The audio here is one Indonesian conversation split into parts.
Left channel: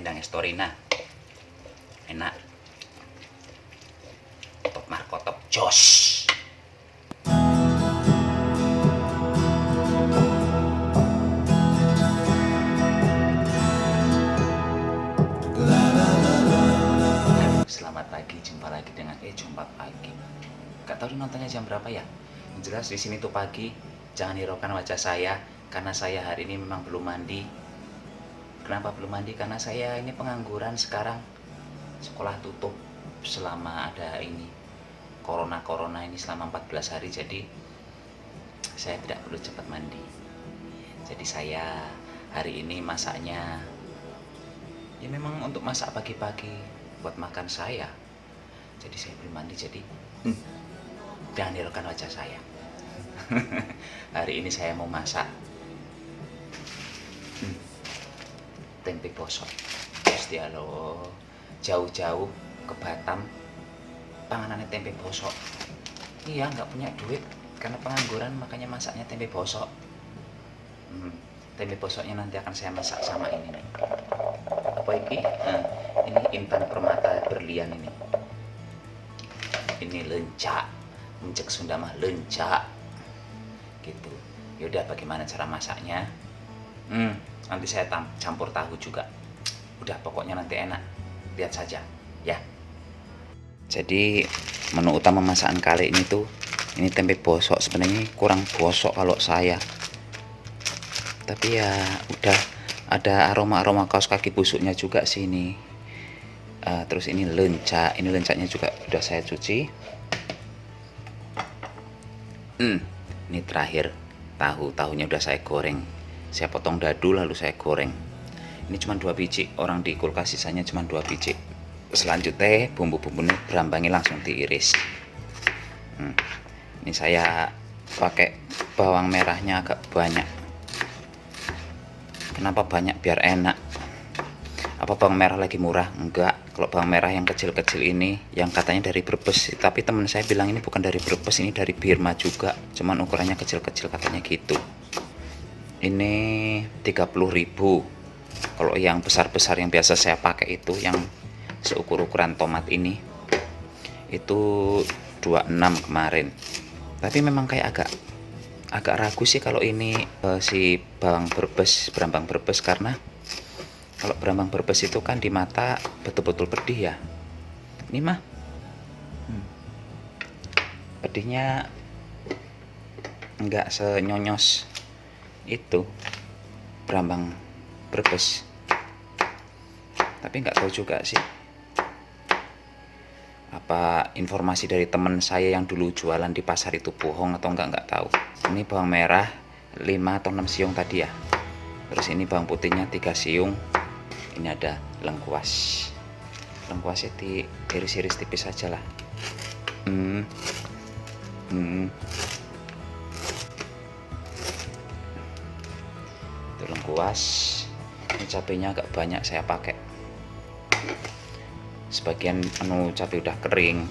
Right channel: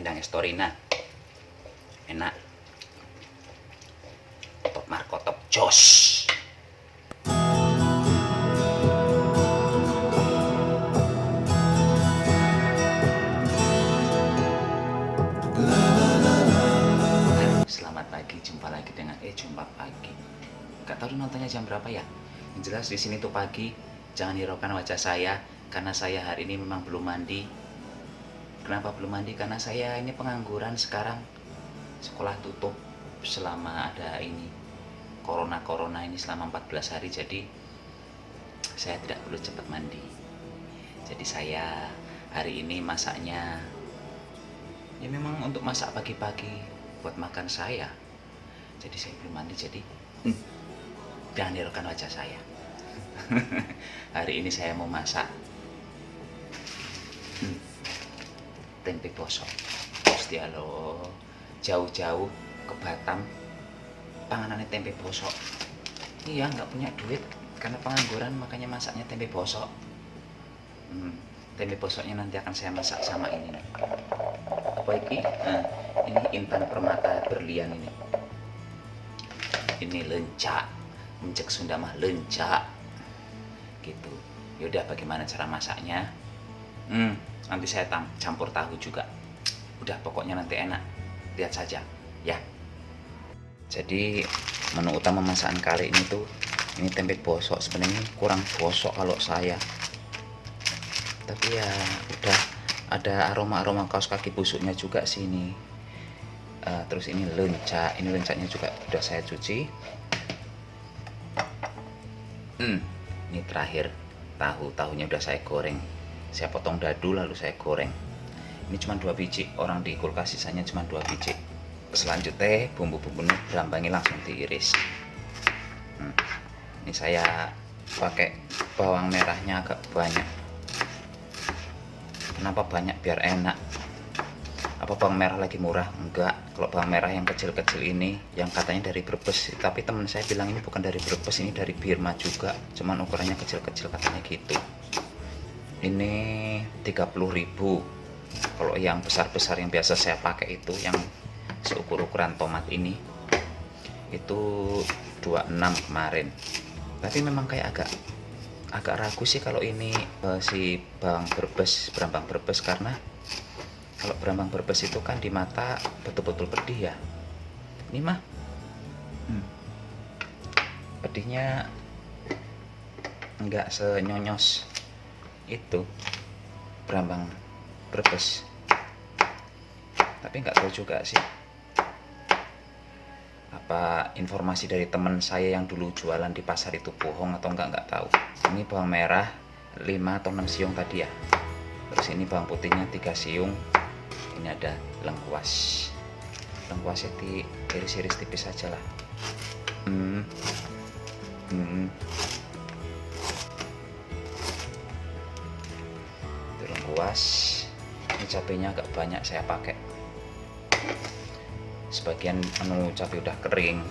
Endang Estorina enak, top markotop jos. Selamat pagi, jumpa lagi dengan jumpa pagi. Gak tahu nontonnya jam berapa ya. Yang jelas di sini tuh pagi. Jangan hiraukan wajah saya karena saya hari ini memang belum mandi. Kenapa belum mandi? Karena saya ini pengangguran sekarang. Sekolah tutup selama ada ini corona ini selama 14 hari, jadi saya tidak perlu cepat mandi. Jadi saya hari ini masaknya ya memang untuk masak pagi-pagi buat makan saya. Jadi saya belum mandi, jadi jangan hiraukan wajah saya. Hari ini saya mau masak tempe bosok. Gusti Allah, jauh-jauh ke Batam panganannya tempe bosok. Iya, nggak punya duit karena pengangguran, makanya masaknya tempe bosok. Tempe bosoknya nanti akan saya masak sama ini nih. Apa ini? Ini intan permata berlian ini. Ini lencak, mencek Sunda mah lencak gitu. Yaudah, bagaimana cara masaknya? Nanti saya campur tahu juga. Udah, pokoknya nanti enak, lihat saja ya. Jadi menu utama masakan kali ini tuh ini tempe bosok. Sebenarnya kurang bosok kalau saya, tapi ya udah ada aroma kaos kaki busuknya juga sini. Terus ini lencak, ini lencaknya juga udah saya cuci. Ini terakhir tahunya udah saya goreng, saya potong dadu lalu saya goreng. Ini cuma 2 biji, orang di kulkas sisanya cuma 2 biji. Selanjutnya bumbu-bumbunya berambangi langsung diiris. Ini saya pakai bawang merahnya agak banyak. Kenapa banyak? Biar enak. Apa bawang merah lagi murah? Enggak. Kalau bawang merah yang kecil-kecil ini yang katanya dari Brebes, tapi teman saya bilang ini bukan dari Brebes, ini dari Birma juga, cuman ukurannya kecil-kecil katanya gitu. Ini 30.000. Kalau yang besar-besar yang biasa saya pakai itu yang seukur-ukuran tomat ini itu 26 kemarin. Tapi memang kayak agak ragu sih kalau ini si berambang Brebes, karena kalau berambang Brebes itu kan di mata betul-betul pedih ya. Ini mah pedihnya enggak senyonyos itu berambang Brebes. Tapi nggak tahu juga sih apa informasi dari teman saya yang dulu jualan di pasar itu bohong atau nggak tahu. Ini bawang merah 5 atau 6 siung tadi ya. Terus ini bawang putihnya 3 siung. Ini ada lengkuas. Lengkuasnya diiris-iris tipis saja lah. Itu lengkuas. Ini cabenya agak banyak saya pakai. Sebagian cabai udah kering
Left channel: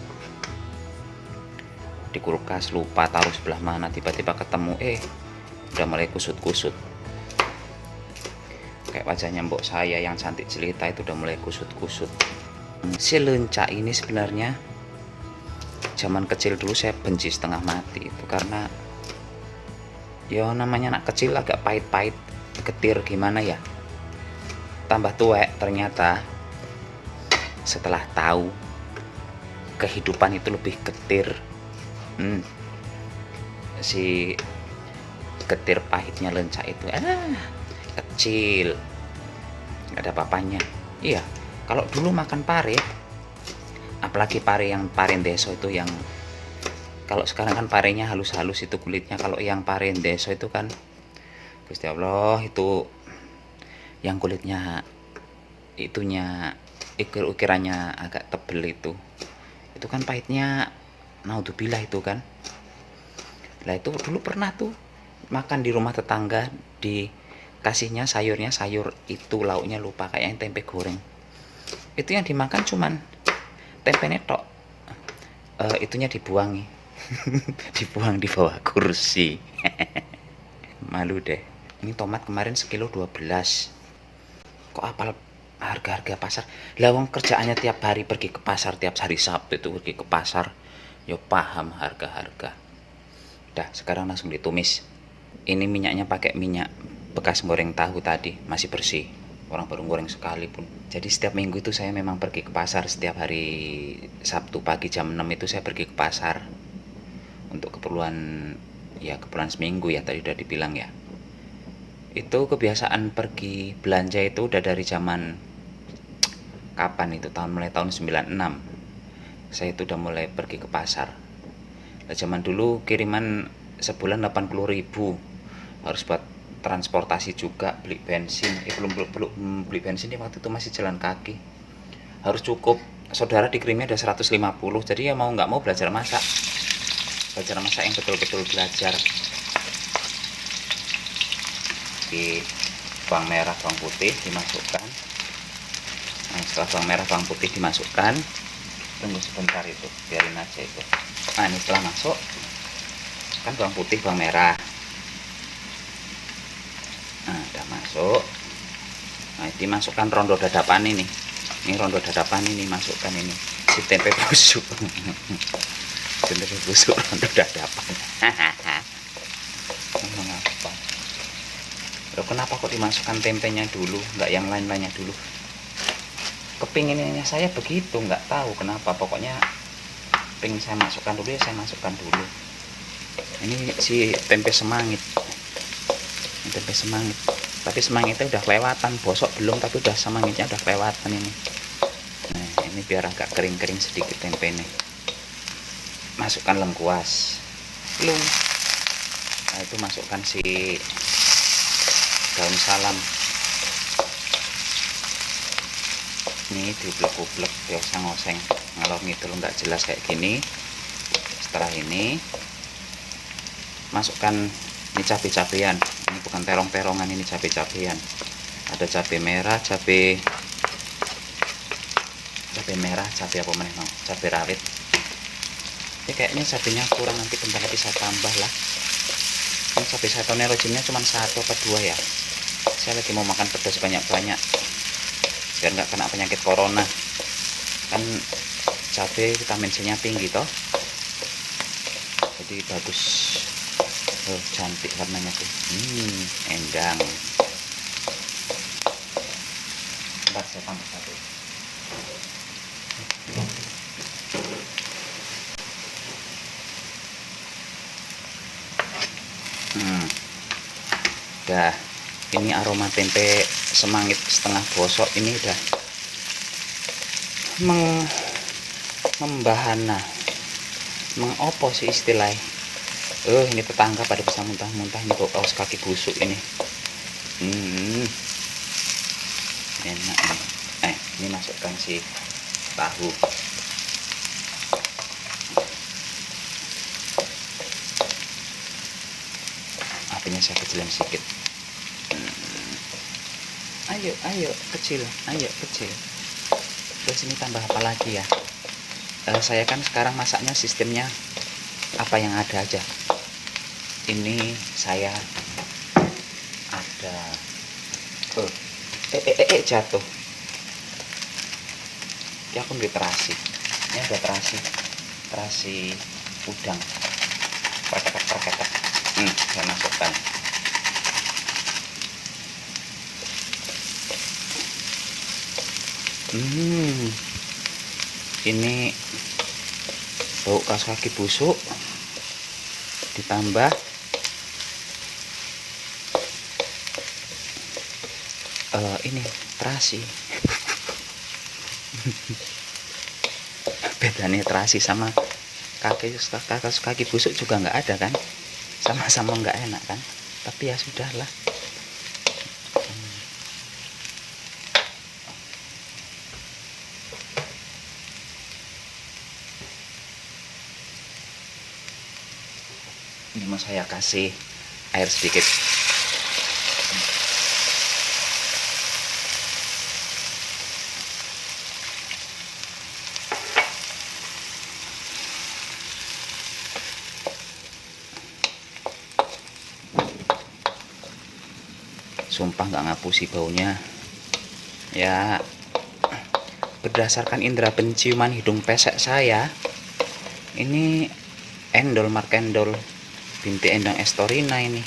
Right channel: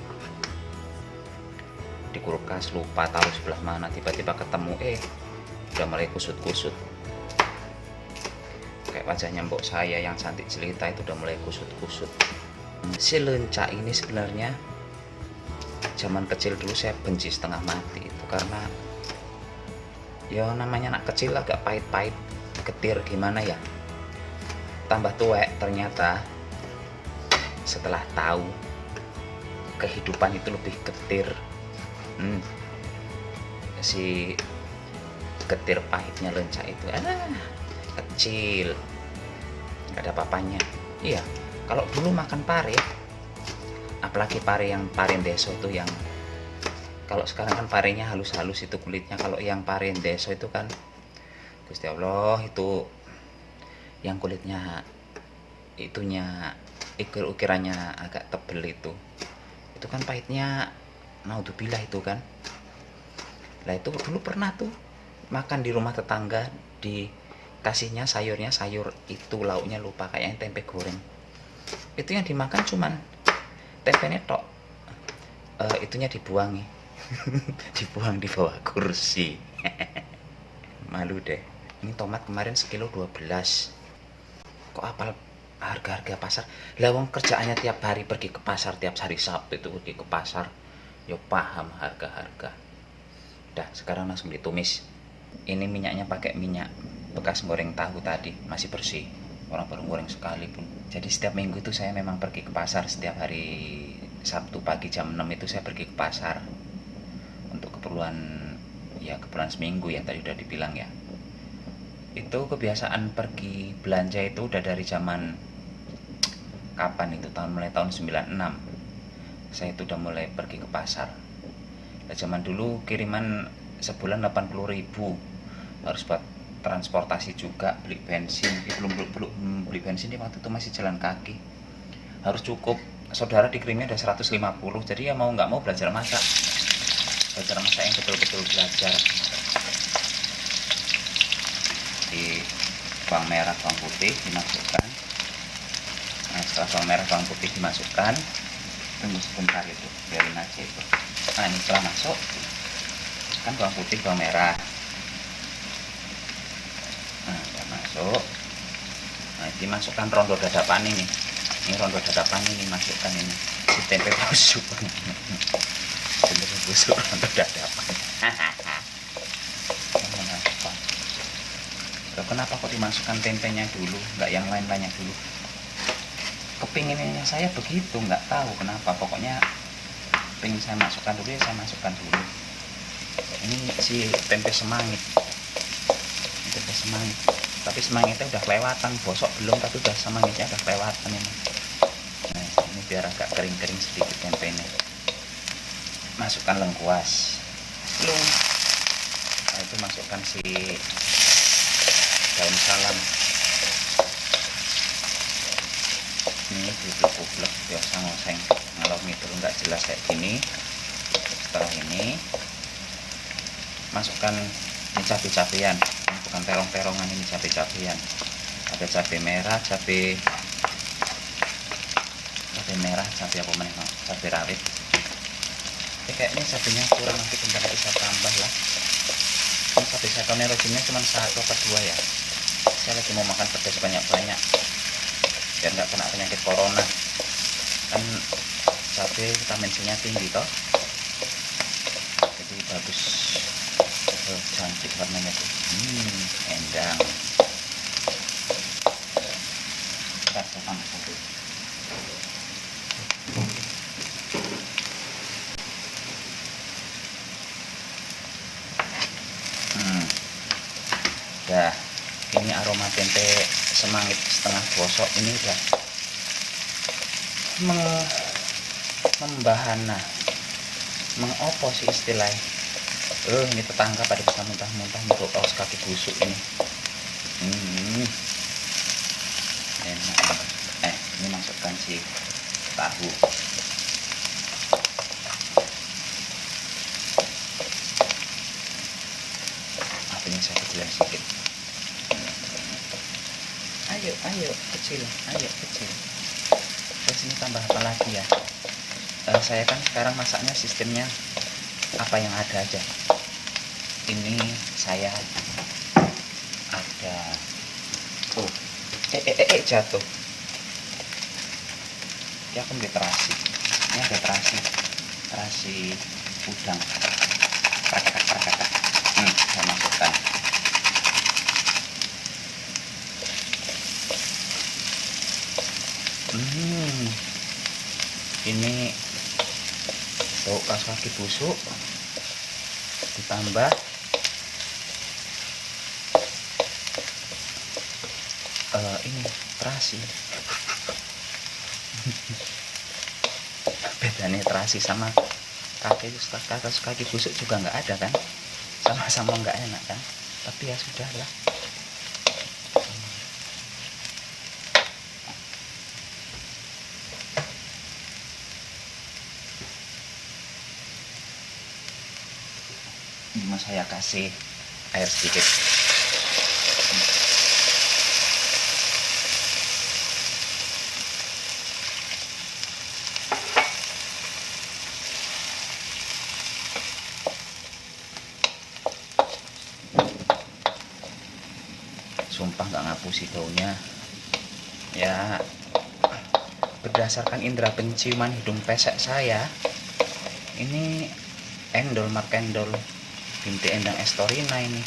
di kulkas, lupa taruh sebelah mana, tiba-tiba ketemu udah mulai kusut-kusut. Kayak wajahnya mbok saya yang cantik jelita itu udah mulai kusut-kusut. Si lencak ini sebenarnya zaman kecil dulu saya benci setengah mati itu, karena ya namanya anak kecil agak pahit-pahit, getir gimana ya. Tambah tuwek ternyata setelah tahu kehidupan itu lebih getir. Si getir pahitnya lencak itu kecil, nggak ada papanya. Iya, kalau dulu makan pare, apalagi pare yang pare deso itu, yang kalau sekarang kan parenya halus-halus itu kulitnya. Kalau yang pare deso itu kan Gusti Allah, itu yang kulitnya itunya ukirannya agak tebel itu kan pahitnya naudzubillah itu kan. Lah itu dulu pernah tuh makan di rumah tetangga, dikasihnya sayurnya sayur itu lauknya lupa, kayaknya tempe goreng. Itu yang dimakan cuman tempenya tok, itunya dibuangi. Dibuang di bawah kursi. Malu deh. Ini tomat kemarin sekilo 12. Kok apal harga-harga pasar. Lawang kerjaannya tiap hari pergi ke pasar, tiap hari Sabtu itu pergi ke pasar, yo paham harga-harga. Udah, sekarang langsung ditumis. Ini minyaknya pakai minyak bekas goreng tahu tadi, masih bersih. Orang baru goreng sekali pun. Jadi setiap minggu itu saya memang pergi ke pasar. Setiap hari Sabtu pagi jam 6 itu saya pergi ke pasar untuk keperluan seminggu ya, tadi udah dibilang ya. Itu kebiasaan pergi belanja itu udah dari zaman kapan itu, mulai tahun 96 saya itu udah mulai pergi ke pasar. Nah, zaman dulu kiriman sebulan 80.000, harus buat transportasi juga, beli bensin. Belum beli bensin ya, waktu itu masih jalan kaki. Harus cukup, saudara dikirimnya ada 150, jadi ya mau nggak mau belajar masak yang betul-betul belajar. Di bawang merah, bawang putih dimasukkan. Nah, setelah bawang merah, bawang putih dimasukkan, tunggu sebentar itu, biarin aja itu. Nah, ini setelah masuk kan bawang putih, bawang merah. Nah, udah masuk. Nah, dimasukkan rondo dadapan ini. Ini rondo dadapan ini masukkan ini. Si tempe busuk. Tempe busuk rondo dadapan. Loh, kenapa kok dimasukkan tempenya dulu, nggak yang lain-lainnya dulu? Kepinginnya saya begitu, nggak tahu kenapa. Pokoknya pengen saya masukkan dulu ya, saya masukkan dulu. Ini si tempe semangit. Tempe semangit, tapi semangitnya udah kelewatan, bosok belum, tapi udah semangitnya udah kelewatan ini. Nah, ini biar agak kering-kering sedikit tempe ini. Masukkan lengkuas. Belum. Nah, itu masukkan si daun salam. Ini diublek-ublek biasa ngoseng, ngelor ngidul nggak jelas kayak gini. Setelah ini masukkan ini cabai-cabean. Ini bukan terong-terongan, ini cabai-cabean. Ada cabai merah, cabai merah, cabai apa namanya? Cabai rawit. Ini kayaknya cabainya kurang, nanti bentar lagi saya tambah lah. Ini cabai satu nerojinnya cuma 1 atau 2 ya. Saya lagi mau makan pedas banyak-banyak biar nggak kena penyakit corona. Kan cabai vitamin C-nya tinggi toh, jadi bagus. Oh, cantik warnanya tuh. Endang. Bentar, saya tambah satu. Udah, ini aroma tempe semangit setengah gosok ini udah membahana, mengopo sih istilahnya. Ini tetangga pada bisa muntah-muntah nih, bau kaos kaki busuk ini. Enak. Ini masukkan si tahu. Apinya saya kecilin sedikit. Ayo kecil, kecil. Terus ini tambah apa lagi ya? Saya kan sekarang masaknya sistemnya apa yang ada aja. Ini saya ada jatuh ya, aku beli terasi. Ini ada terasi udang, perketek. Saya masukkan. Ini bau kaos kaki busuk ditambah ini terasi. Bedanya terasi sama kaos kaki busuk juga nggak ada kan, sama-sama nggak enak kan, tapi ya sudahlah. Ini mau saya kasih air sedikit. Sumpah nggak ngapusi baunya ya. berdasarkan indera penciuman hidung pesek saya, ini endol Mark Endol binti Endang Estorina ini.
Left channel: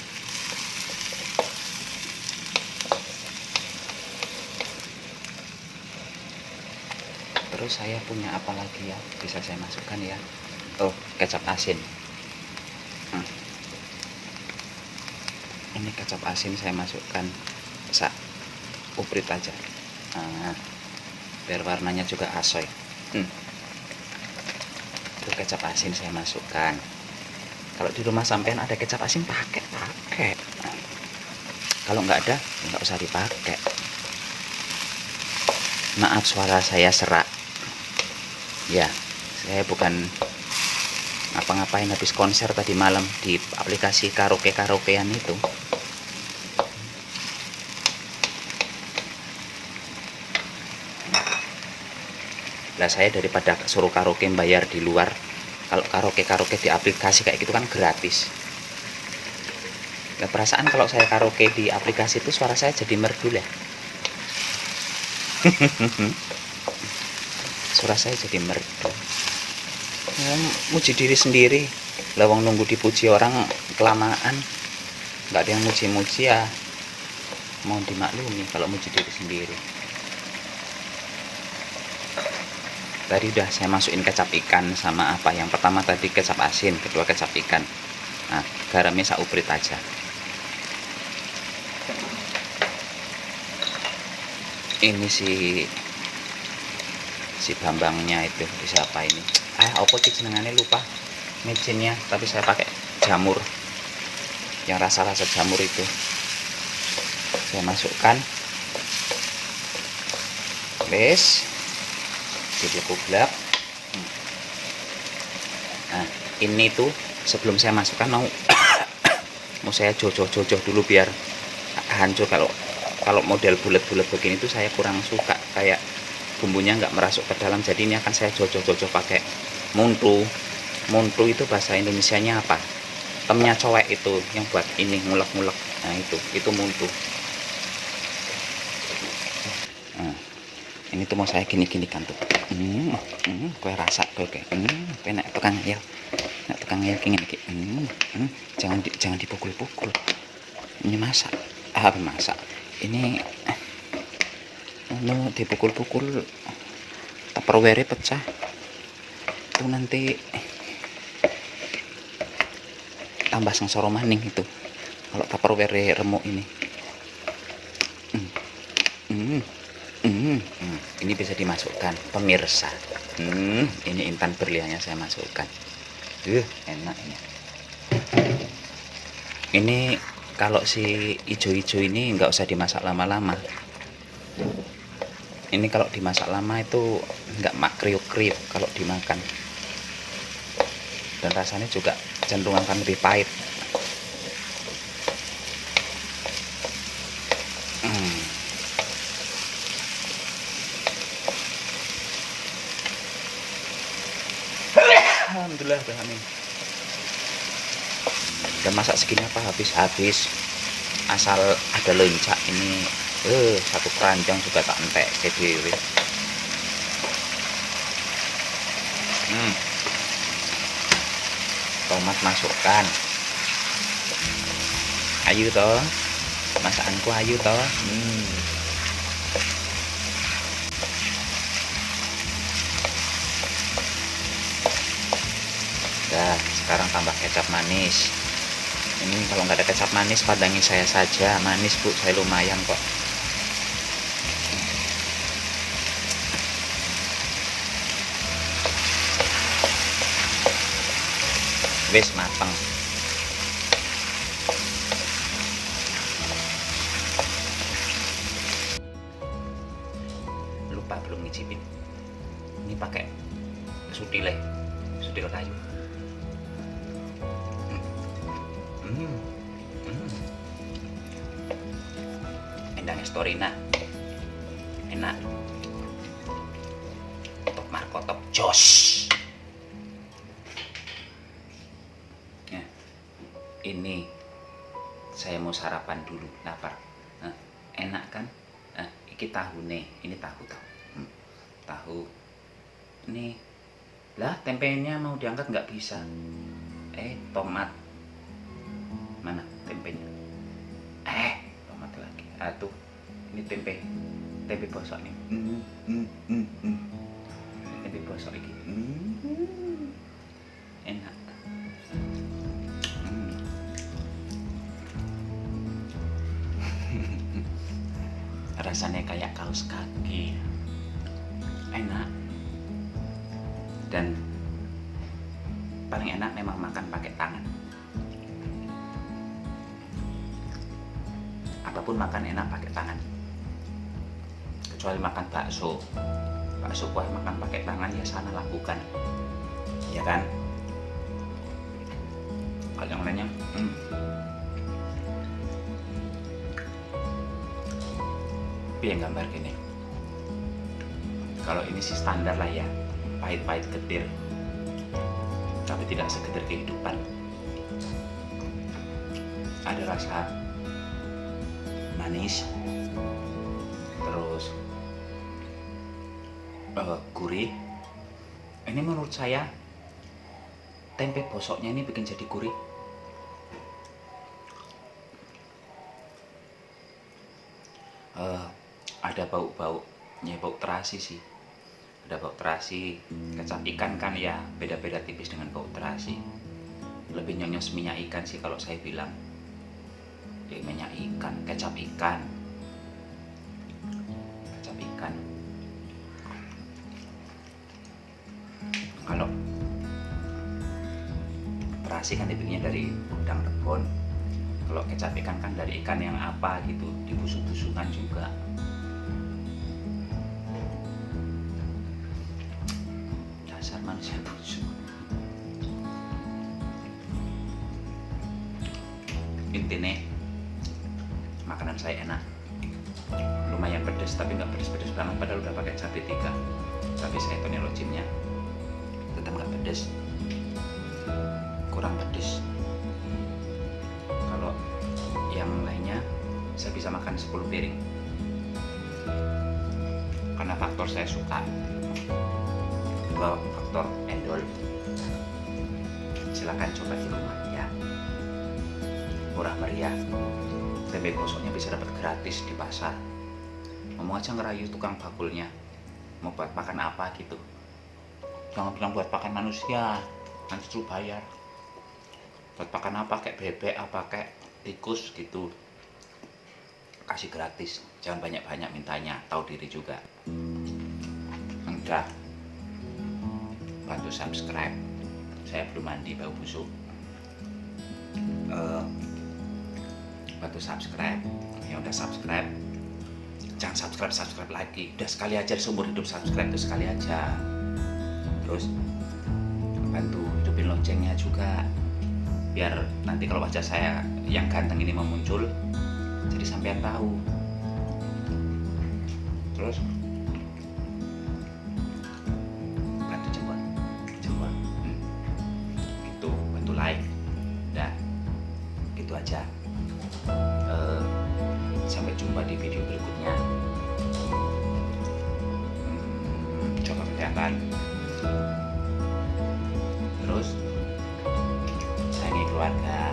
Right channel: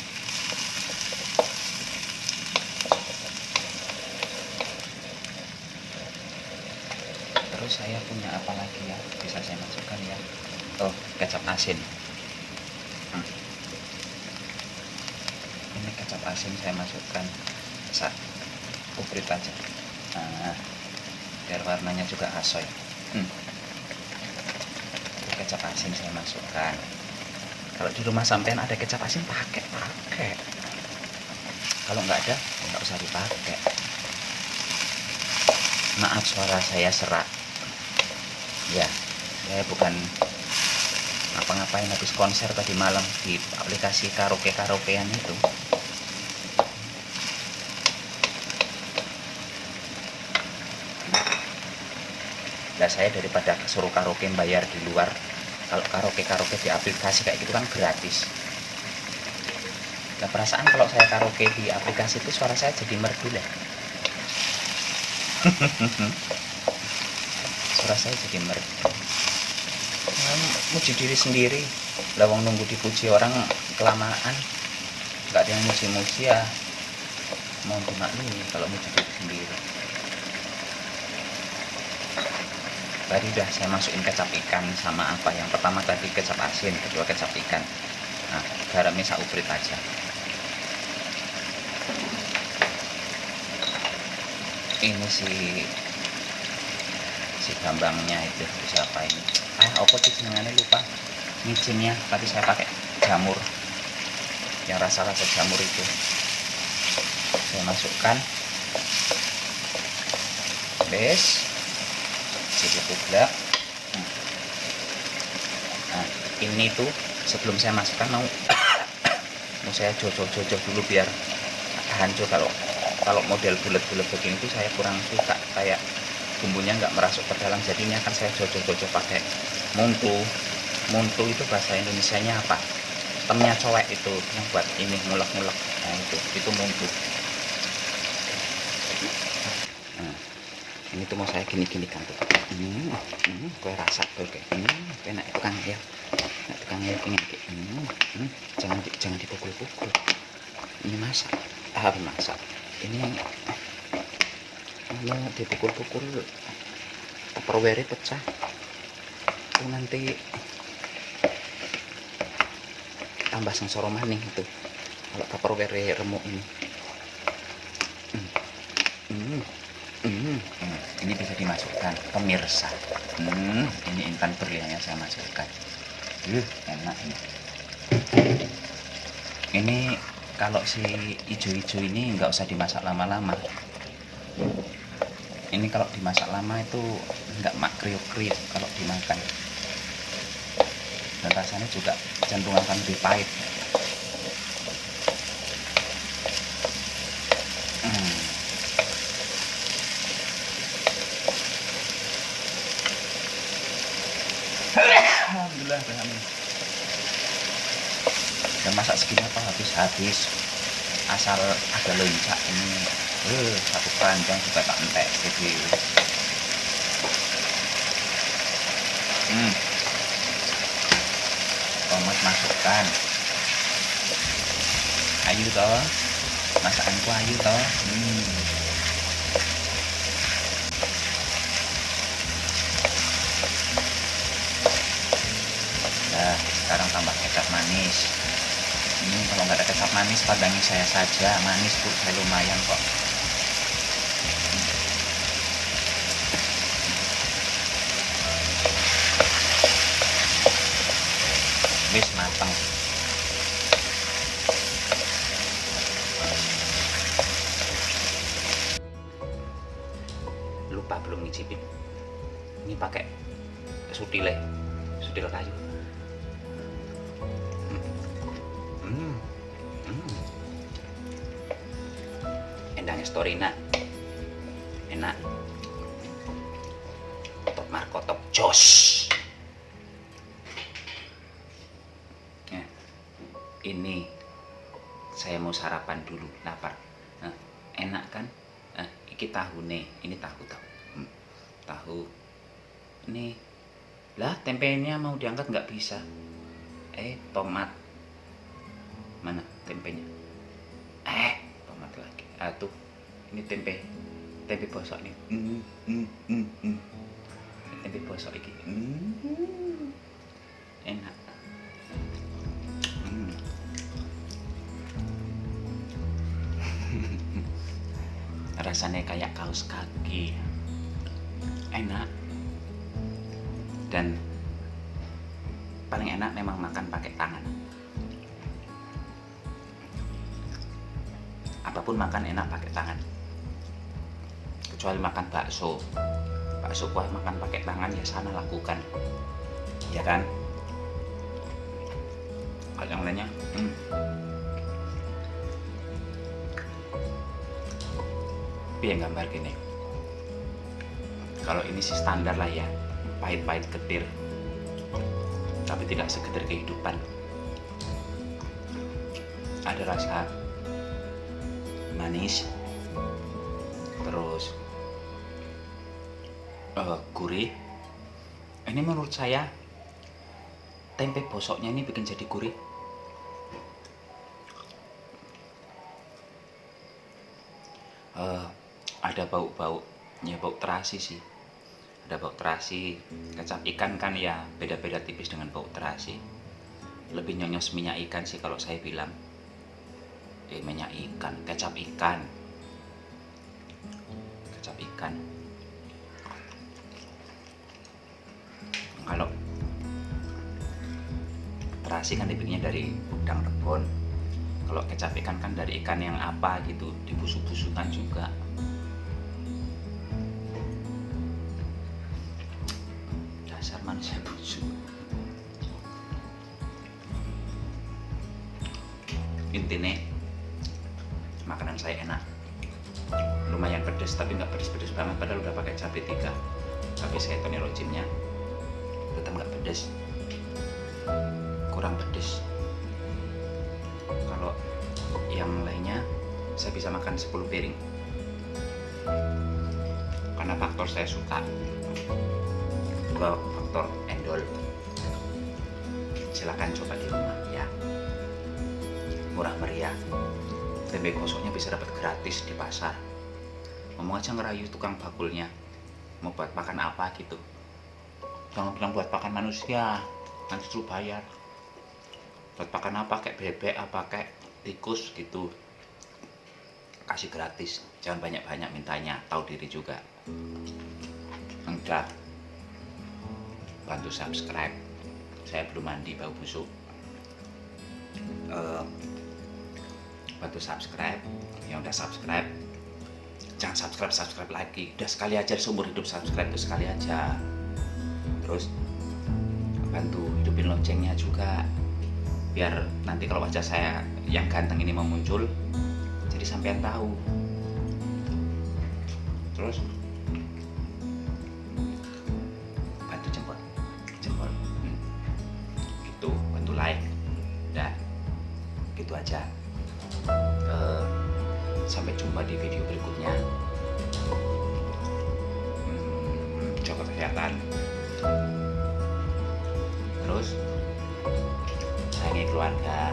Terus saya punya apa lagi ya, bisa saya masukkan ya. Oh, kecap asin. Ini kecap asin saya masukkan uprit aja. Nah, biar warnanya juga asoy. Itu kecap asin saya masukkan. Kalau di rumah sampean ada kecap asin, pakai. Kalau nggak ada, nggak usah dipakai. Maaf suara saya serak. Ya, saya bukan ngapa-ngapain habis konser tadi malam di aplikasi karaokean itu. Lah saya daripada suruh karaoke bayar di luar, kalau karaoke di aplikasi kayak gitu kan gratis. Nah, perasaan kalau saya karaoke di aplikasi itu suara saya jadi merdu lah. Suara saya jadi merdu. Muji diri sendiri, lawang nunggu dipuji orang kelamaan, nggak ada yang muji-muji ya, mau dimaklumi kalau muji diri sendiri. Tadi udah saya masukin kecap ikan sama apa, yang pertama tadi kecap asin, kedua kecap ikan. Nah, garamnya sauprit aja. Ini si Bambangnya itu siapa ini? Apa sih senengannya, lupa micinnya, tapi saya pakai jamur yang rasa-rasa jamur itu. Saya masukkan. Bes jadi kublak. Nah, ini tuh sebelum saya masukkan mau saya jojo dulu biar hancur. Kalau model bulat-bulat begini tuh saya kurang suka, kayak bumbunya nggak merasuk ke dalam. Jadi ini akan saya jojo pakai muntu itu bahasa Indonesianya apa, temnya cowek itu yang buat ini ngulek-ngulek. Nah itu muntu. Nah, ini tuh mau saya gini kan tuh. Kue rasa kue enak tukang ya, nak tukang ya kengin ki. Jangan dipukul-pukul. Ini masak, masak. Ini mau dipukul-pukul tupperware pecah. Itu nanti tambah sengsara maning itu kalau tupperware remuk ini. Ini bisa dimasukkan pemirsa. Ini intan berliannya saya masukkan. Enak ini. Ini kalau si ijo-ijo ini nggak usah dimasak lama-lama. Ini kalau dimasak lama itu nggak kriuk-kriuk kalau dimakan, dan rasanya juga cenderung akan lebih pahit. Alhamdulillah dengan ini. Dan masak segini apa habis asal ada lencak ini. Satu keranjang sudah tak entek DW. Tomat masukkan. Ayu toh, masakanku ayu toh. Nah, sekarang tambah kecap manis. Ini kalau nggak ada kecap manis, padangi saya saja. Manis bu, saya lumayan kok. Wis mateng. Lupa belum ngicipin. Ini pakai sutil kayu. Endang Estorina enak. Top markotop jos. Ini saya mau sarapan dulu, lapar. Enak kan? Iki tahune, ini tahu tahu. Ini lah, tempenya mau diangkat nggak bisa. Tomat mana tempenya? Tomat lagi. Tuh, ini tempe bosok nih. Tempe bosok ini. Enak. Rasanya kayak kaos kaki. Enak. Dan paling enak memang makan pakai tangan. Apapun makan enak pakai tangan. Kecuali makan bakso kuah makan pakai tangan, ya sana lakukan, ya kan? Kalau yang lainnya tapi yang gambar gini, kalau ini sih standar lah ya, pahit-pahit getir, tapi tidak segetir kehidupan. Ada rasa manis, terus gurih. Ini menurut saya tempe bosoknya ini bikin jadi gurih. Ada bau-baunya, bau terasi sih. Ada bau terasi. Kecap ikan kan ya beda-beda tipis dengan bau terasi. Lebih nyonyos minyak ikan sih kalau saya bilang. Kayak minyak ikan, kecap ikan. Kalau terasi kan dibikinnya dari udang rebon. Kalau kecap ikan kan dari ikan yang apa gitu, dibusuk-busukkan juga. Dasar manusia busuk. Intinya makanan saya enak, lumayan pedas tapi nggak pedas-pedas banget, padahal udah pakai cabai 3. Tapi saya tonirojimnya tetap nggak pedas, kurang pedas. Kalau yang lainnya saya bisa makan 10 piring karena faktor saya suka. Kedua faktor endol. Silakan coba di rumah ya, murah meriah. Tempe bosoknya bisa dapat gratis di pasar. Ngomong aja ngerayu tukang bakulnya, mau buat makan apa gitu. Jangan bilang buat pakan manusia, nanti suruh bayar. Buat pakan apa, kayak bebek apa kayak tikus gitu, kasih gratis. Jangan banyak-banyak mintanya, tahu diri juga. Enggak, bantu subscribe. Saya belum mandi, bau busuk. Bantu subscribe. Yang udah subscribe jangan subscribe lagi, udah sekali aja seumur hidup. Subscribe itu sekali aja. Terus bantu hidupin loncengnya juga, biar nanti kalau wajah saya yang ganteng ini mau muncul, jadi sampean tahu. Terus bantu jempol gitu, bantu like. Udah gitu aja. Sampai jumpa di video berikutnya. Jaga kesehatan. Terus sayangi keluarga.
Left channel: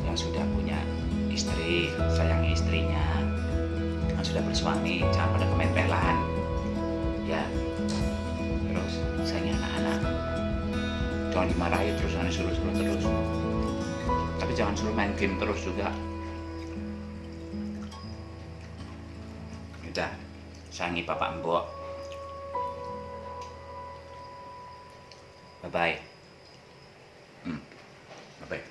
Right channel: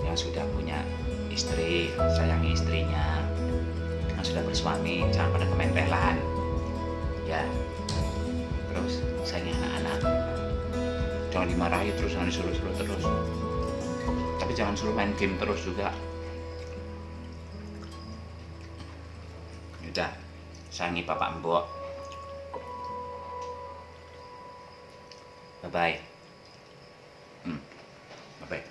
Yang sudah punya istri, sayangi istrinya. Yang sudah bersuami, jangan pada kementelan ya. Terus sayangi anak-anak. Jangan dimarahi terus, jangan disuruh-suruh terus. Tapi jangan suruh main game terus juga. Udah, sayangi bapak mbok. Bye bye. Bye bye.